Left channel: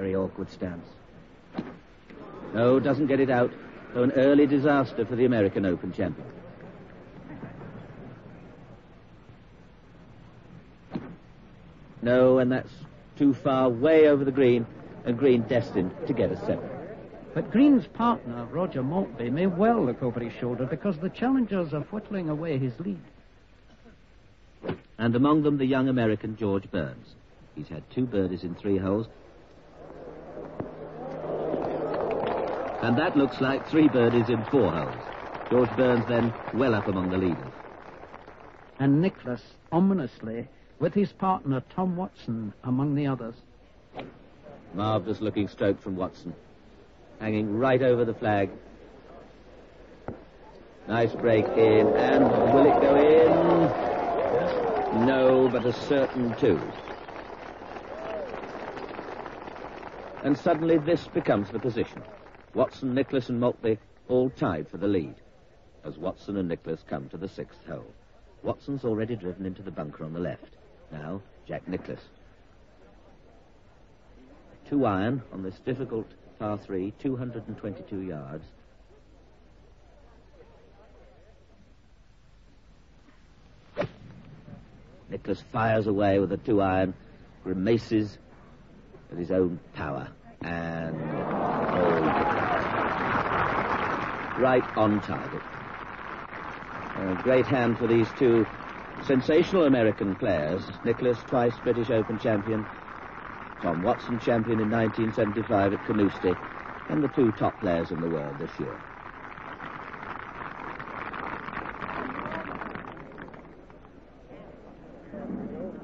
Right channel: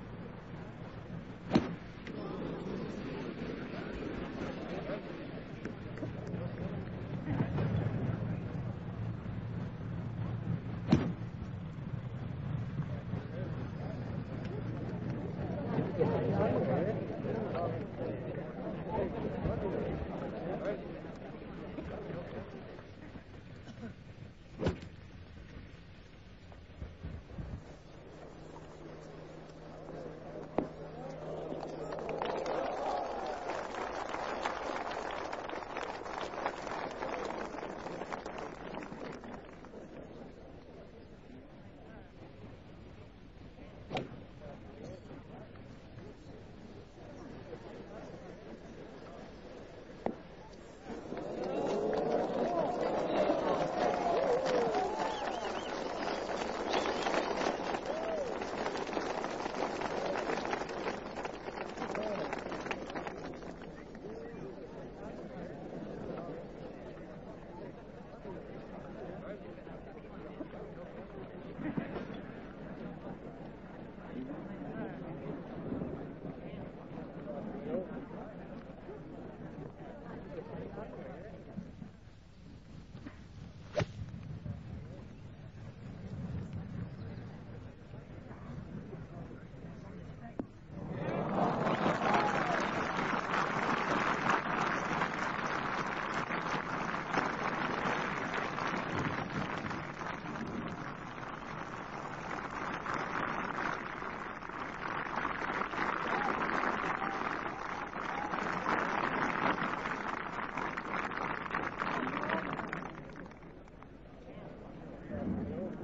Very awkward stance. No, doesn't get it out. So an early disaster for the American Open champion. No, and that's too far, way over the green, and Green destined to get a set. But Green's partner, Roger Maltby, may well look over his shoulder because the challengers are whittling away his lead. And among them, the young American George Burns. He's had 2 birdies in 3 holes. And that looks like 3 birdies in 4 holes. George Burns then well up among the leaders. And Nicklaus, ominously, with his partner Tom Watson among the others. Marvellous looking stroke from Watson. Hanging right over the flag. Nice break in, and will it go in? No, but a certain 2. And suddenly this becomes the position. Watson, Nicklaus and Maltby all tied for the lead as Watson and Nicklaus come to the 6th hole. Watson's already driven into the bunker on the left. Now, Jack Nicklaus. 2 iron on this difficult par 3, 222 yards. Nicklaus fires away with a 2 iron, grimaces at his own power, and right on target. A great hand for these 2 sensational American players. Nicklaus, twice British Open champion. Tom Watson, champion in 1975 at Carnoustie, and the 2 top players in the world this year.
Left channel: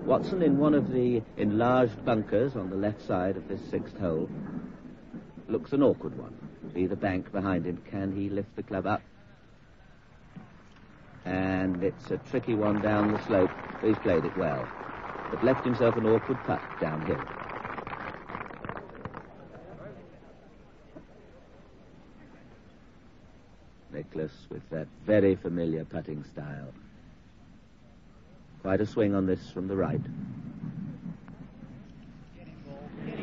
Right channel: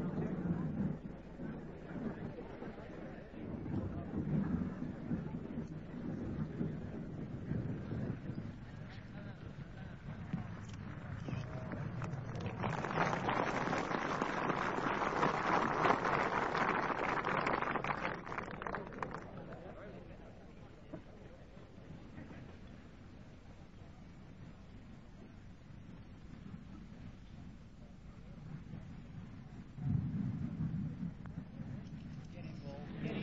Watson in one of the enlarged bunkers on the left side of this 6th hole. Looks an awkward one. See the bank behind him. Can he lift the club up? And it's a tricky one down the slope. He's played it well, but left himself an awkward putt downhill. Nicklaus with that very familiar putting style. Quite a swing on this from the right.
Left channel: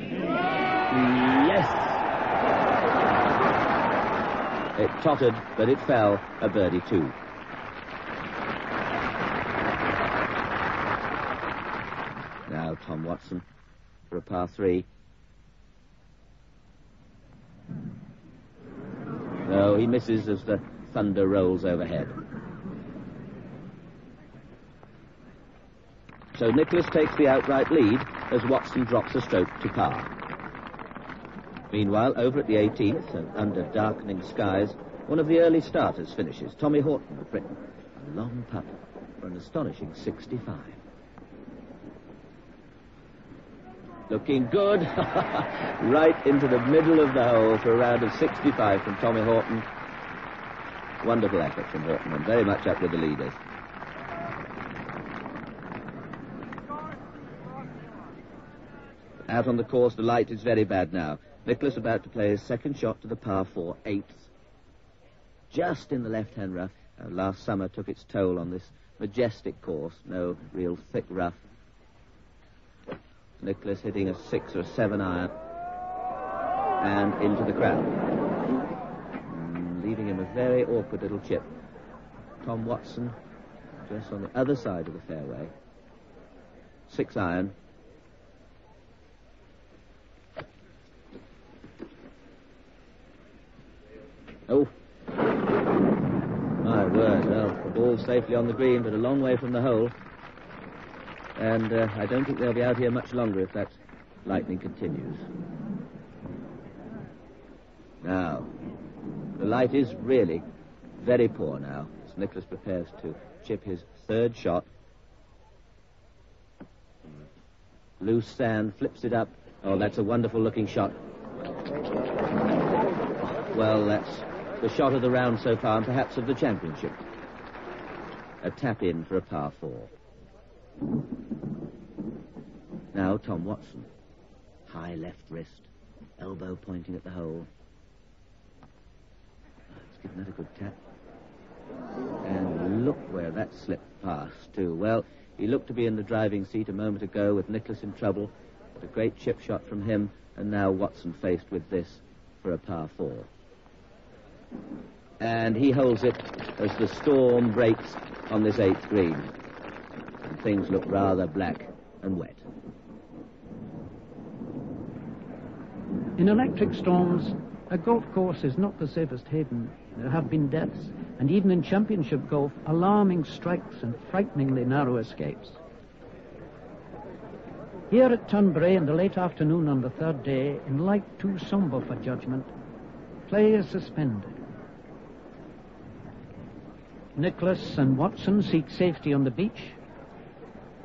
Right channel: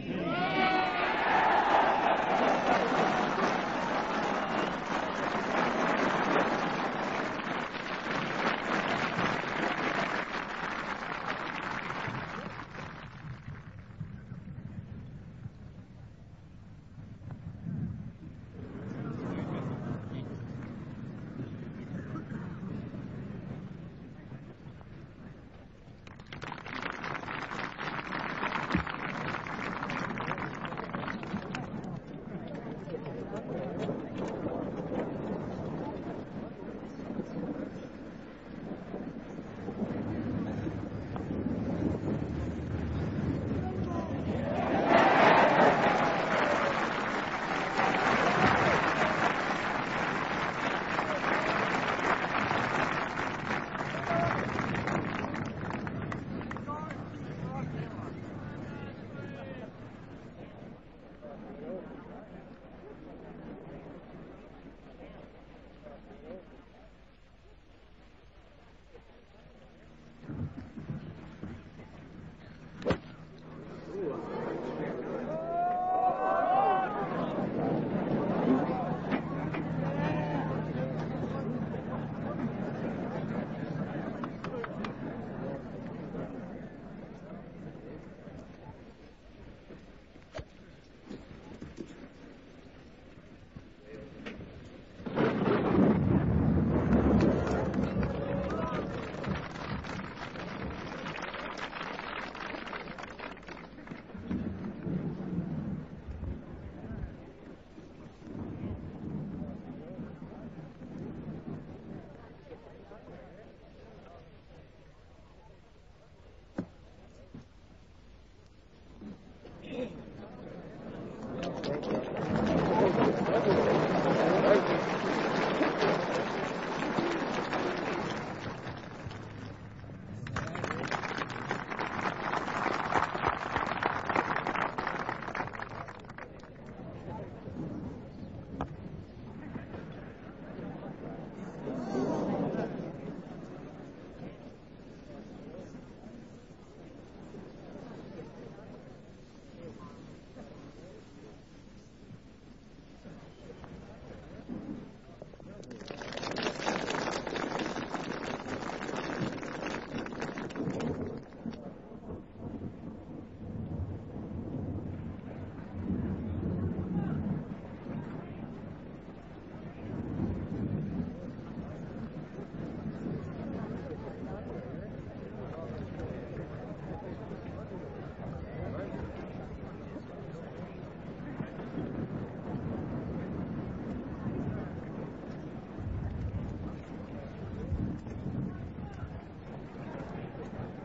Yes! It tottered, but it fell, a birdie 2. Now Tom Watson for a par 3. No, he misses as the thunder rolls overhead. So Nicklaus takes the outright lead as Watson drops a stroke to par. Meanwhile, over at the 18th, and under darkening skies, one of the early starters finishes. Tommy Horton of Britain. A long putt for an astonishing 65. Looking good. Right into the middle of the hole for a round of 65 from Tommy Horton. Wonderful effort from Horton. I'm very much up with the leader. Out on the course, the light is very bad now. Nicklaus about to play his 2nd shot to the par 4, 8th. Just in the left-hand rough. Last summer took its toll on this majestic course. No real thick rough. Nicklaus hitting a 6 or 7 iron. And into the crowd. Leaving him a very awkward little chip. Tom Watson just on the other side of the fairway. 6 iron. Oh, my word, well, ball safely on the green, but a long way from the hole. And I don't think they'll be out here much longer if that lightning continues. Now, the light is really very poor now, as Nicklaus prepares to chip his 3rd shot. Loose sand, flips it up. Oh, that's a wonderful-looking shot. Well, that's the shot of the round so far, and perhaps of the championship. A tap-in for a par 4. Now, Tom Watson. Left wrist, elbow pointing at the hole. Not a good tap. And look where that slipped past, too. Well, he looked to be in the driving seat a moment ago with Nicklaus in trouble. To great chip shot from him, and now Watson faced with this for a par 4. And he holds it as the storm breaks on this 8th green. Things look rather black and wet. In electric storms, a golf course is not the safest haven. There have been deaths, and even in championship golf, alarming strikes and frighteningly narrow escapes. Here at Tunbray in the late afternoon on the 3rd day, in light too sombre for judgment, play is suspended. Nicklaus and Watson seek safety on the beach,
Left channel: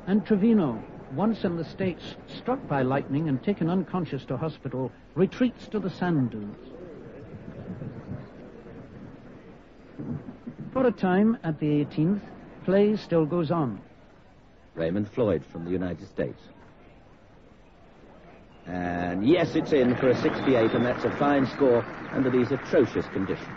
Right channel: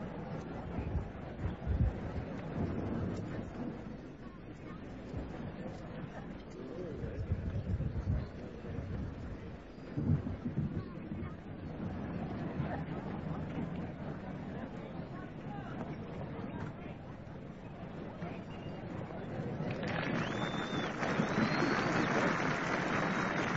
and Trevino, once in the States, struck by lightning and taken unconscious to hospital, retreats to the sand dunes. For a time, at the 18th, play still goes on. Raymond Floyd from the United States. And yes, it's in for a 68, and that's a fine score under these atrocious conditions.